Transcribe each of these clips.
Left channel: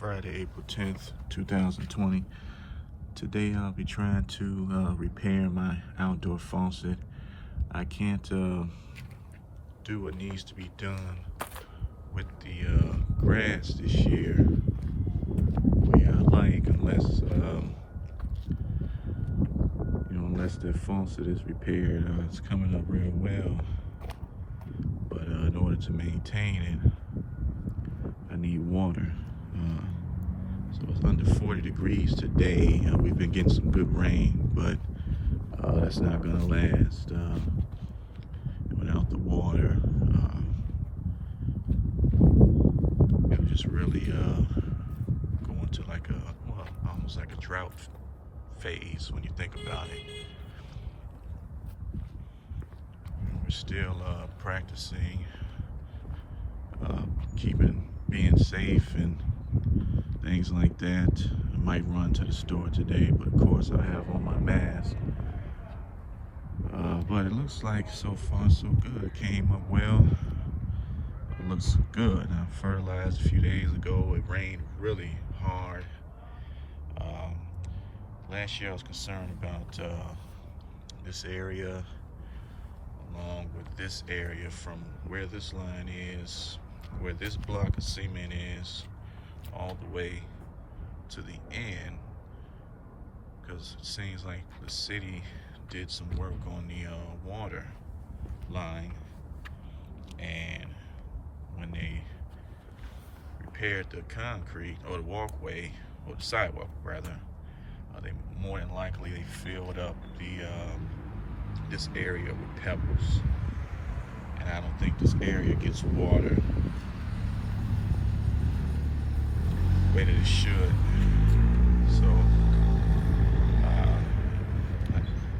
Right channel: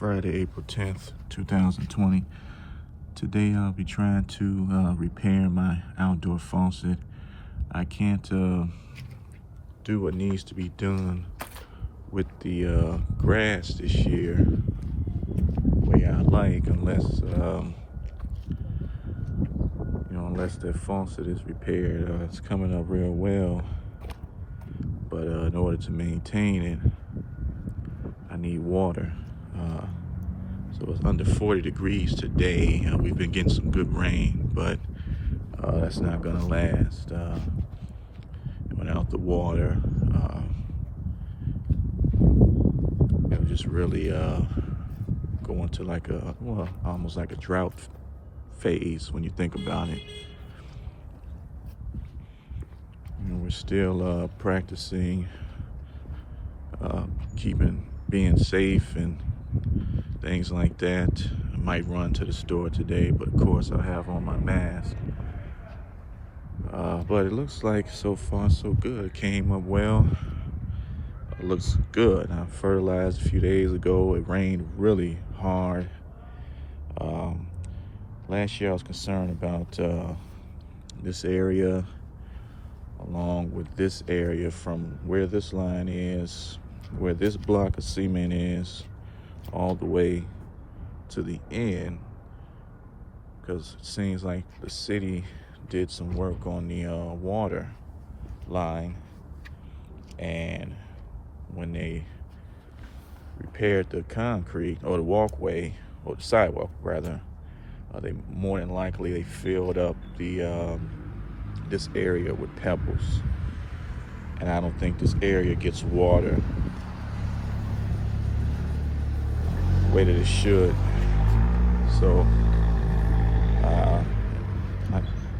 Friday, April 10th, 2020. Today I'll be trying to repair my outdoor faucet. I can't do what needs to be done with the grass this year the way I like, unless unless the faucet is repaired. It's coming up real well, but in order to maintain it, I need water. So it's under 40 degrees today. We've been getting some good rain, but that's not gonna last. Without the water, it'll just really go into like almost like a drought phase when you think about it. We're still practicing being safe and things like that. I might run to the store today, but of course I'll have on my mask. But it looks like so far so good. It came up well. It looks good. I fertilized a few days ago. It rained really hard. Last year I was concerned about this area along with this area from where this line is, where this block of cement is, all the way to the end, because it seems like the city did some work on the water line, and when they repaired the concrete or the walkway, or the sidewalk rather, they more than likely they filled up the this area with pebbles, and I don't think this area gets water the way that it should. So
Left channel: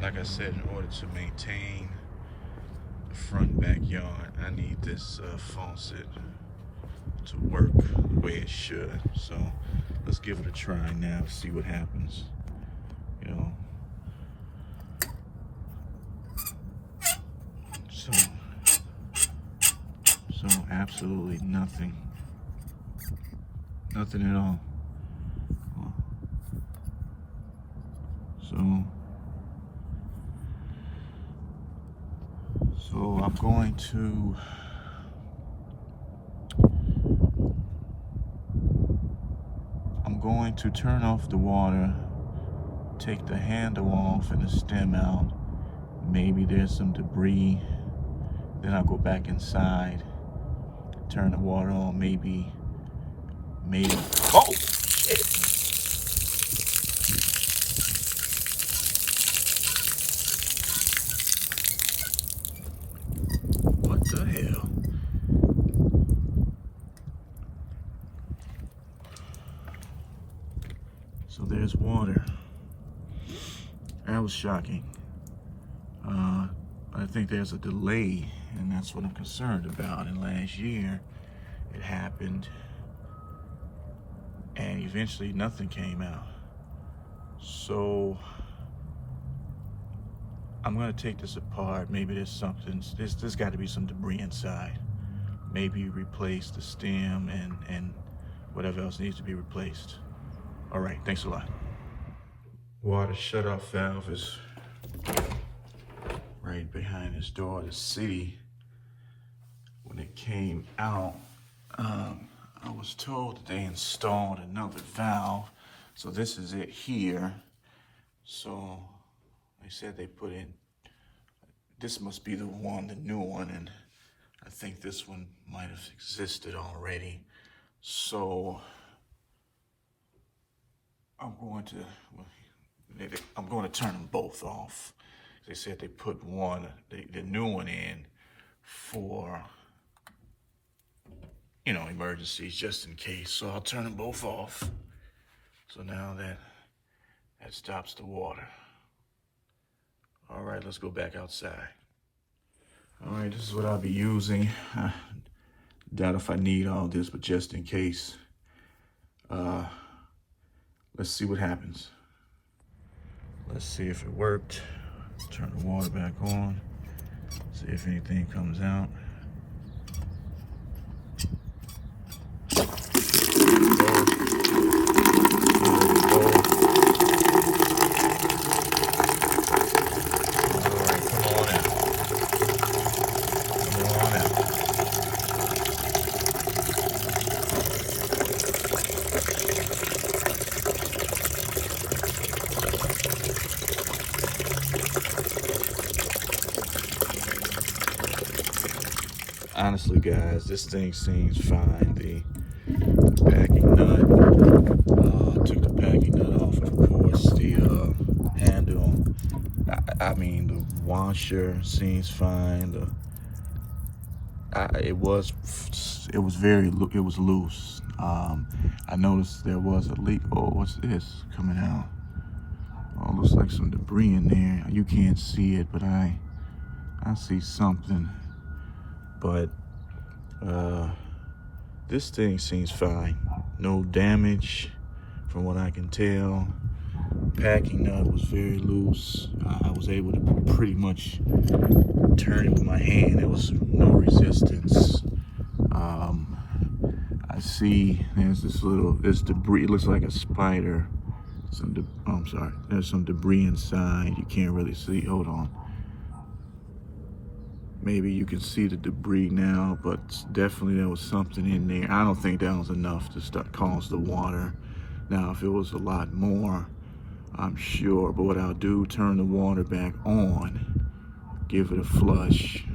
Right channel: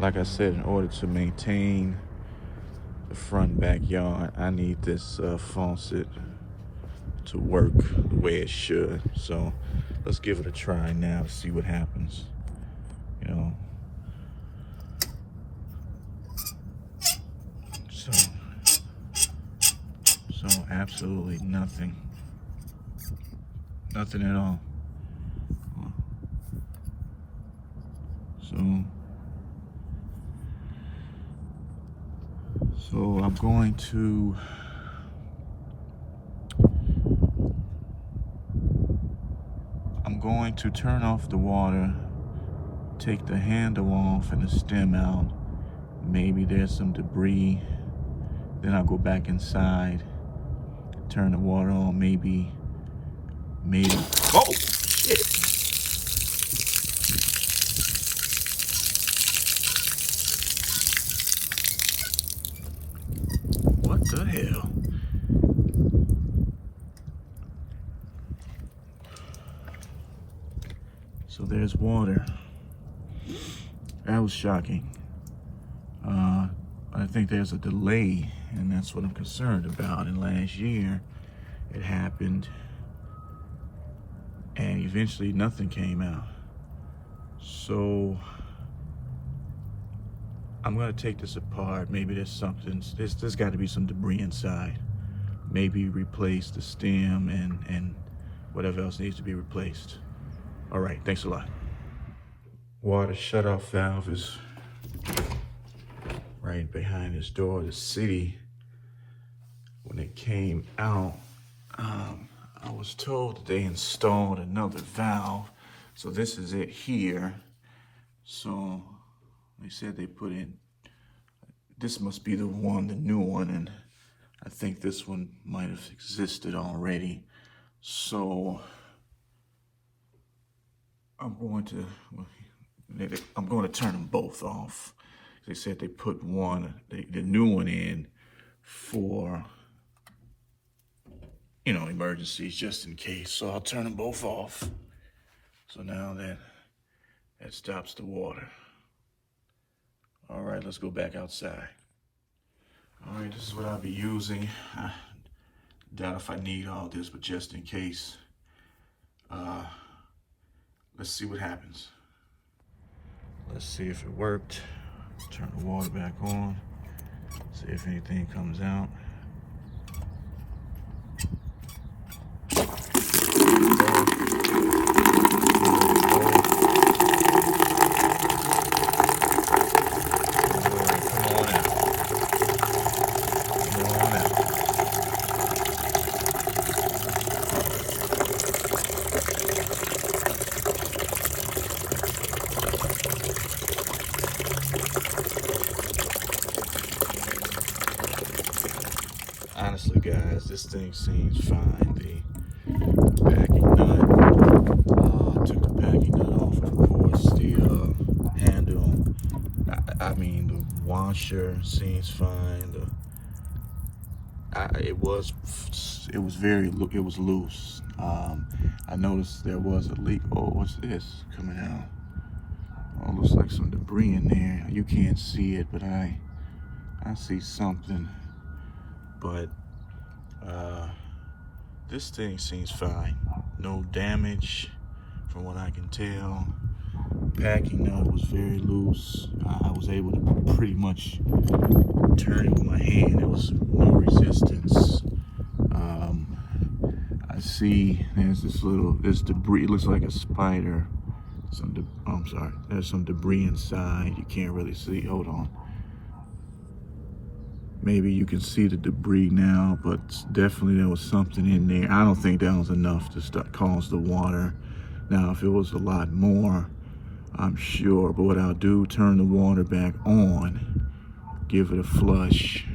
like I said, in order to maintain the front backyard, I need this faucet to work the way it should. So let's give it a try now, see what happens. So absolutely nothing at all. So I'm going to turn off the water, take the handle off and the stem out. Maybe there's some debris. Then I'll go back inside, turn the water on, maybe, oh shit. What the hell? So there's water. That was shocking. I think there's a delay, and that's what I'm concerned about. And last year it happened, and eventually nothing came out. So I'm gonna take this apart. Maybe there's something, there's got to be some debris inside. Maybe replace the stem and whatever else needs to be replaced. All right, thanks a lot. Water shutoff valve is right behind this door. The city, when it came out, I was told that they installed another valve. So this is it here. So they said they put in, this must be the new one, and I think this one might have existed already. So I'm going to turn them both off. They said they put the new one in for, emergencies, just in case. So I'll turn them both off. So now that stops the water. All right, let's go back outside. All right, this is what I'll be using. I doubt if I need all this, but just in case, let's see what happens. Let's see if it worked. Turn the water back on. See if anything comes out. this thing seems fine. The packing nut, took the packing nut off, of course. The handle, I mean, the washer seems fine. It was loose. I noticed there was a leak. Oh, what's this coming out? Oh, looks like some debris in there. You can't see it, but I see something. But this thing seems fine. No damage from what I can tell. Packing nut was very loose. I was able to pretty much turn it with my hand. There was no resistance. I see there's this debris. It looks like a spider. I'm sorry. There's some debris inside. You can't really see. Hold on. Maybe you can see the debris now, but definitely there was something in there. I don't think that was enough to cause the water. Now, if it was a lot more, I'm sure. But what I'll do, turn the water back on, give it a flush,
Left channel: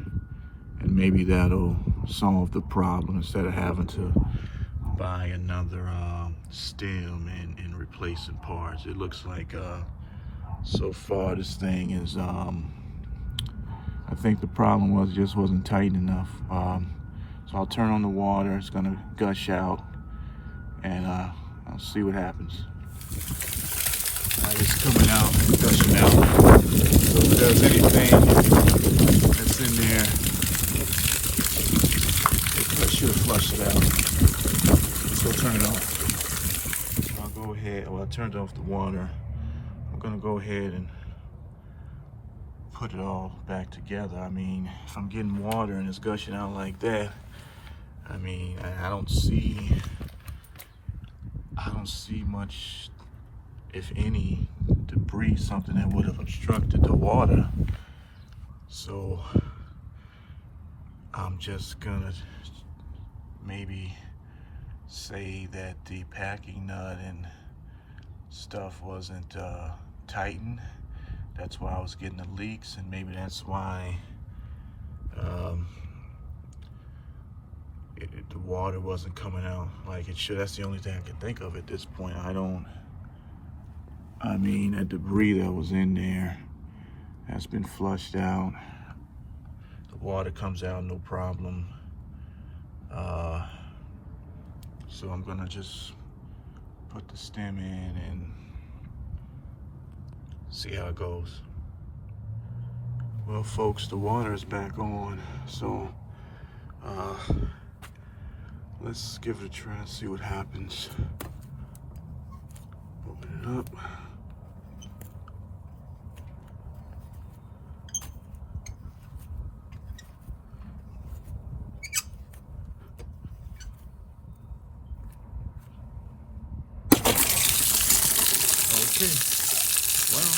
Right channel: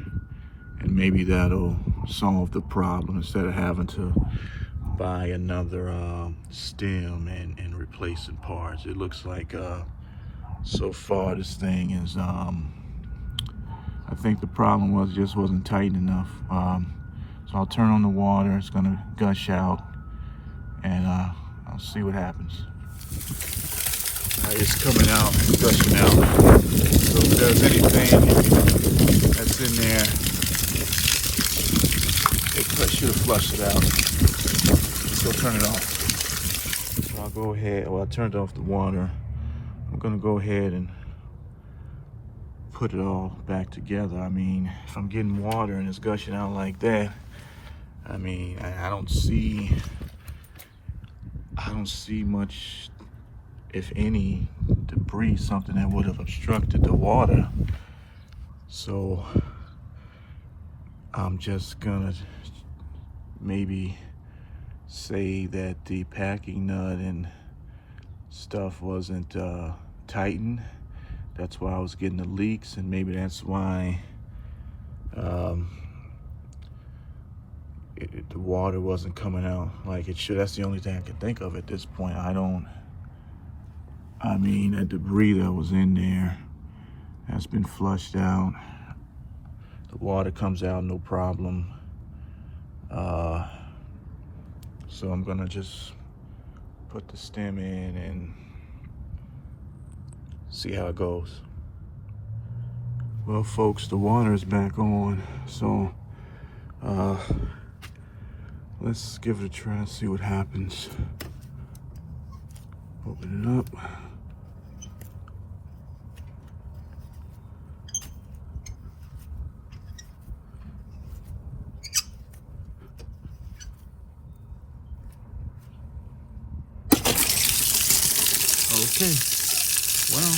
and maybe that'll solve the problem instead of having to buy another stem and replacing parts. It looks like so far this thing is I think the problem was it just wasn't tight enough. So I'll turn on the water. It's gonna gush out, and I'll see what happens. It's coming out, gushing out. So if there's anything that's in there, it should have flushed it out. Let's go turn it off. So I'll go ahead. Well, I turned off the water. I'm gonna go ahead and put it all back together. I mean, if I'm getting water and it's gushing out like that, I mean, I don't see much, if any, debris, something that would have obstructed the water. So I'm just gonna maybe say that the packing nut and stuff wasn't tightened. That's why I was getting the leaks, and maybe that's why the water wasn't coming out like it should. That's the only thing I can think of at this point. I mean, that debris that was in there has been flushed out. The water comes out no problem. So I'm gonna just put the stem in and see how it goes. Well, folks, the water is back on, so let's give it a try and see what happens. Open it up. Okay, well,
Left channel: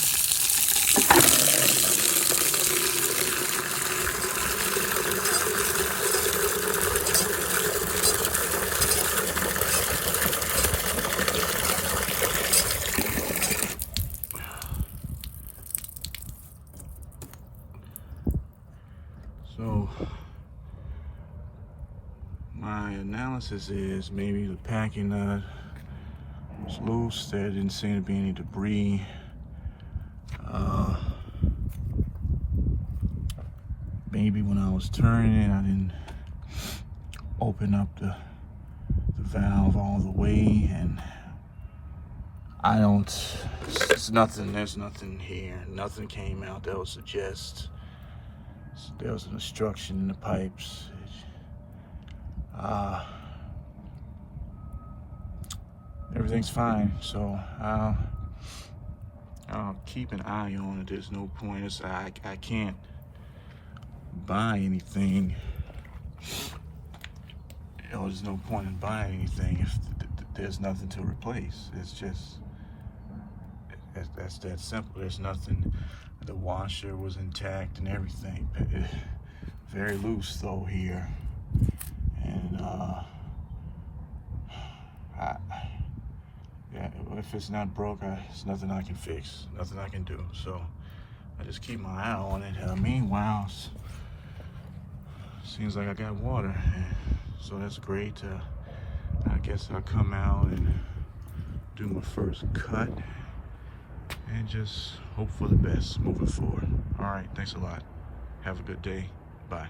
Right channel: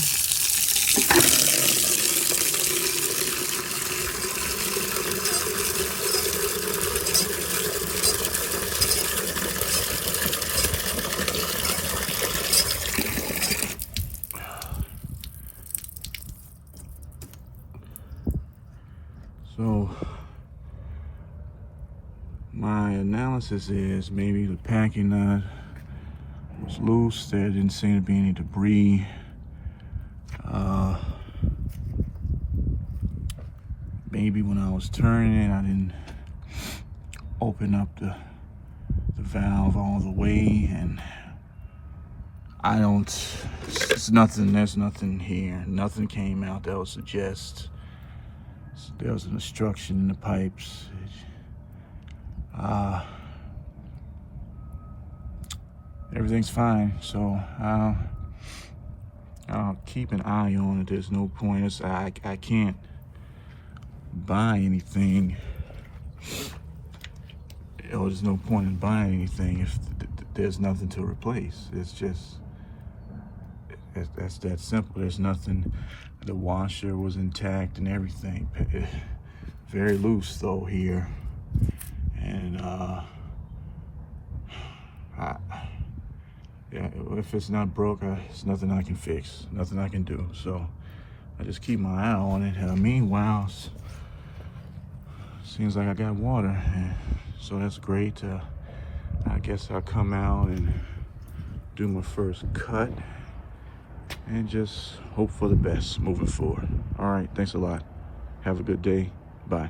so my analysis is maybe the packing nut was loose. There didn't seem to be any debris. Maybe when I was turning it, I didn't open up the valve all the way, and there's nothing here. Nothing came out that would suggest there was an obstruction in the pipes. Everything's fine, so I'll keep an eye on it. There's no point. I can't buy anything. There's no point in buying anything if there's nothing to replace. That's that simple. There's nothing. The washer was intact and everything. Very loose though here, and yeah, if it's not broke, there's nothing I can fix, nothing I can do. So I just keep my eye on it. Meanwhile, seems like I got water. So that's great. I guess I'll come out and do my first cut and just hope for the best moving forward. All right, thanks a lot. Have a good day. Bye.